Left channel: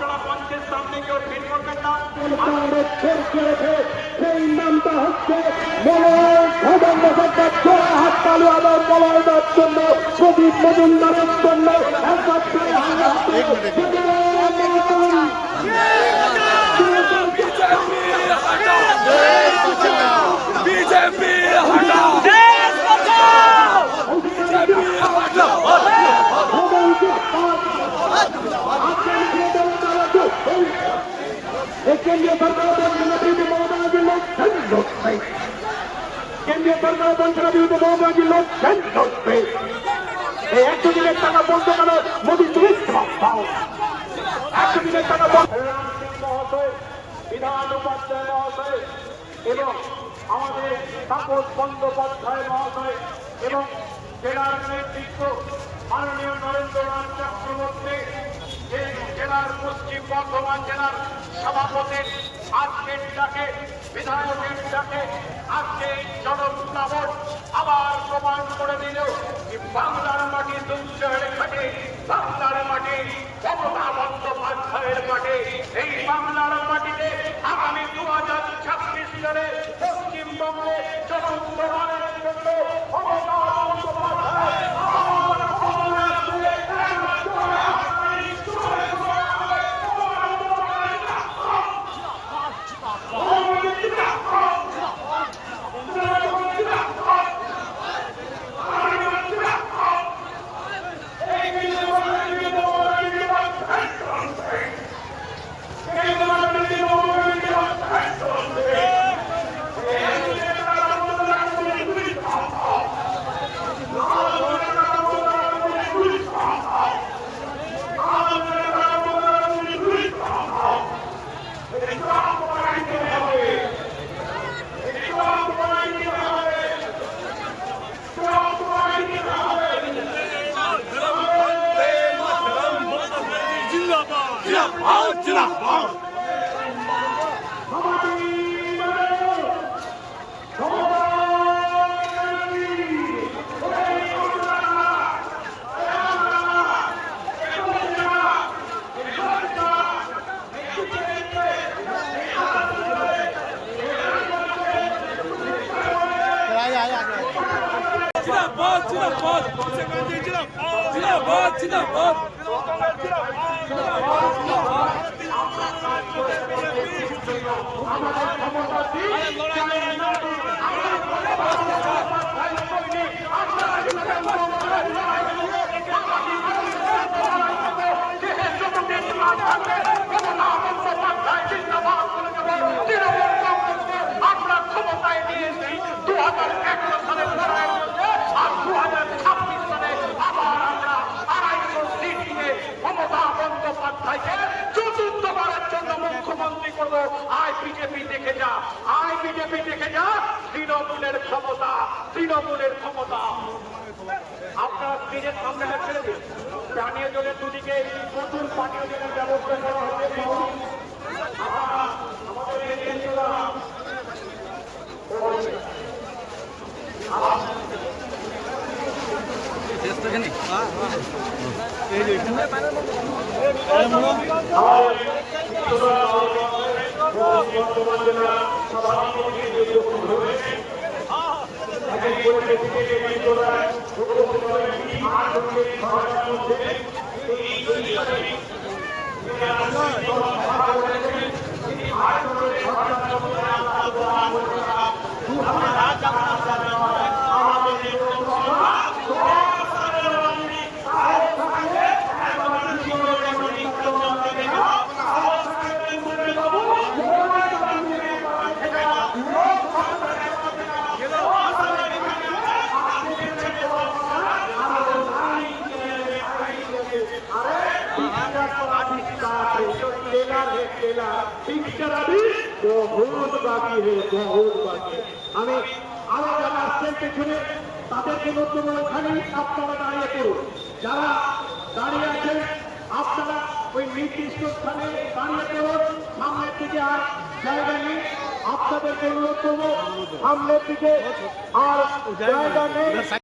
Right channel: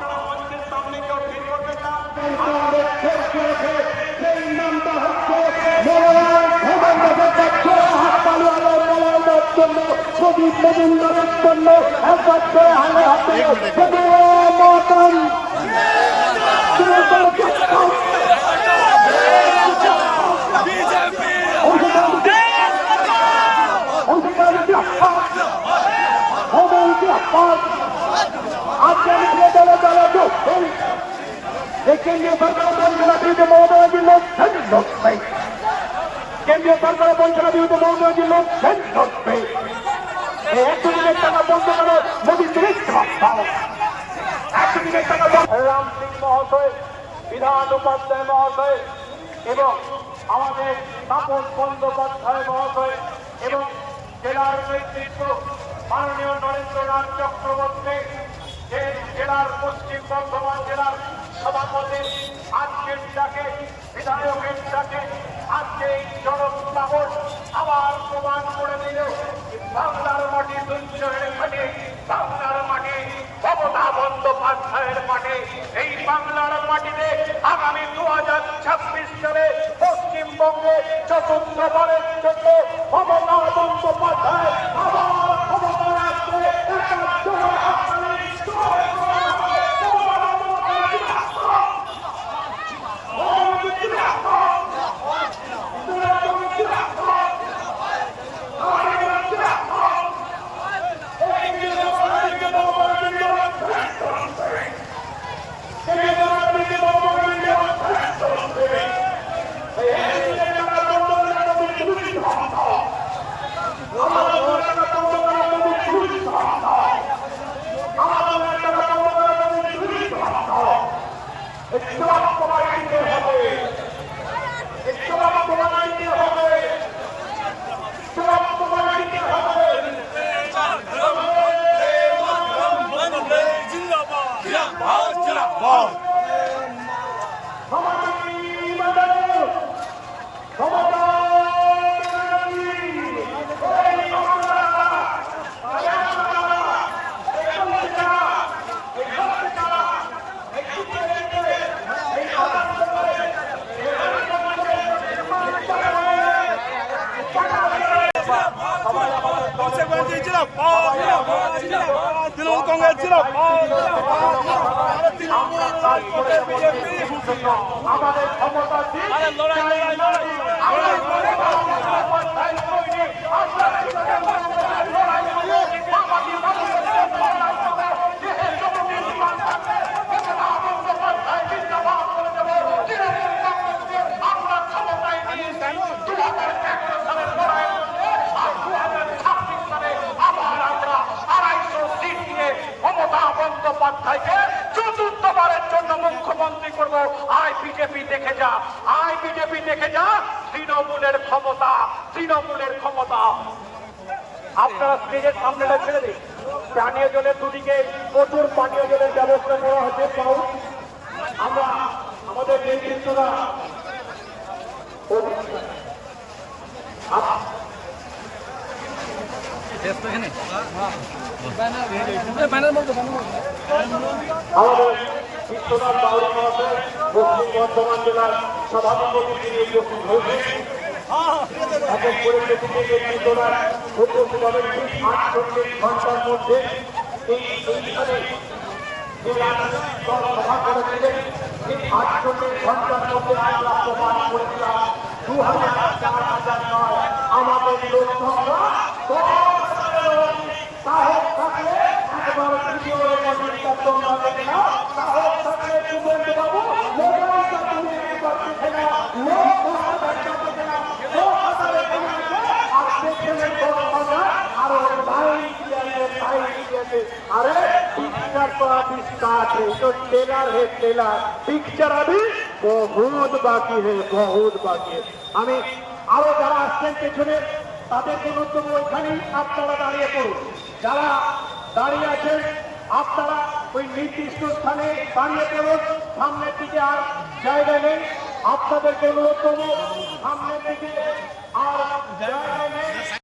আপনারা মঞ্চের সামনে কেউ ভিড় করবেন না। সেই নামটা হচ্ছে প্রদীপ মজুমদারের জন্য একবার করে হাতে কেন্দ্রীয় সরকারের বঞ্চনাবিরুদ্ধে মমতা ব্যানার্জির লড়বে কেন্দ্রীয় সরকারের বঞ্চনাবিরুদ্ধে মমতা ব্যানার্জির লড়বে এই 100 দিনের টাকা বন্ধ কেন মোদী তুমি জবাব দাও 100 দিনের টাকা বন্ধ রাম সিং মহোদয় বিধান উপাধ্যায় মহোদয় এবং আমাদের তাপস বন্দ্যোপাধ্যায় মহোদয় এবং জেলার নেতৃত্ব মাননীয় নরেন্দ্রনাথ চক্রবর্তী জেলার পশ্চিম বর্ধমান জেলার সভাপতি আজকের ডাকে বিধায়কের ডাকে আজকে এই জনপ্লাবন আবার প্রমাণ করে দিল বাংলার মাটি সঞ্চয়ের ঘাটে বাংলার মাটি মমতা বন্দ্যোপাধ্যায়ের মাঠে এই বাংলার মাটিতে আগামী 2026 সালে পশ্চিমবঙ্গে চতুর্থবারের জন্য মমতা বন্দ্যোপাধ্যায় আমাদের ক্ষমতা আমরা ক্ষমতায় নিয়ে 2011 সালের লড়াইয়ের মধ্যে আর 2026 সালে আবার আমরা 250 সিট নিয়ে মমতা বন্দ্যোপাধ্যায়কে চতুর্থবারের জন্য মুখ্যমন্ত্রী করব। আয় বিজেপি দেখে যা, আয় বিজেপি দেখে যা, তৃণমূলের ক্ষমতা, তৃণমূলের ক্ষমতা। আপনারা স্টেজের সামনে ছেড়ে দিন। পানীয় জলের দুদিকে প্রচুর পানীয় জলের ব্যবস্থা করা হচ্ছে। আমরা আমাদের বর্ধমান জেলার সভাপতি নির্বাচন হয়েছে पिक्चर अभी बहुत बाकी है, बहुत बाकी है। আমি আরো যারা আসছেন পেছনে তাদেরকে নতুন ওইখানেই আপনারা দাঁড়িয়ে পড়ুন। যারা দাঁড়িয়ে আছেন আপনারা ওই নির্দিষ্ট স্থানে দাঁড়িয়ে পড়ুন। সামনের দিকে আর জায়গা নেই। আপনাদেরকে অনুরোধ করবো সামনের দিকে আর জায়গা নেই।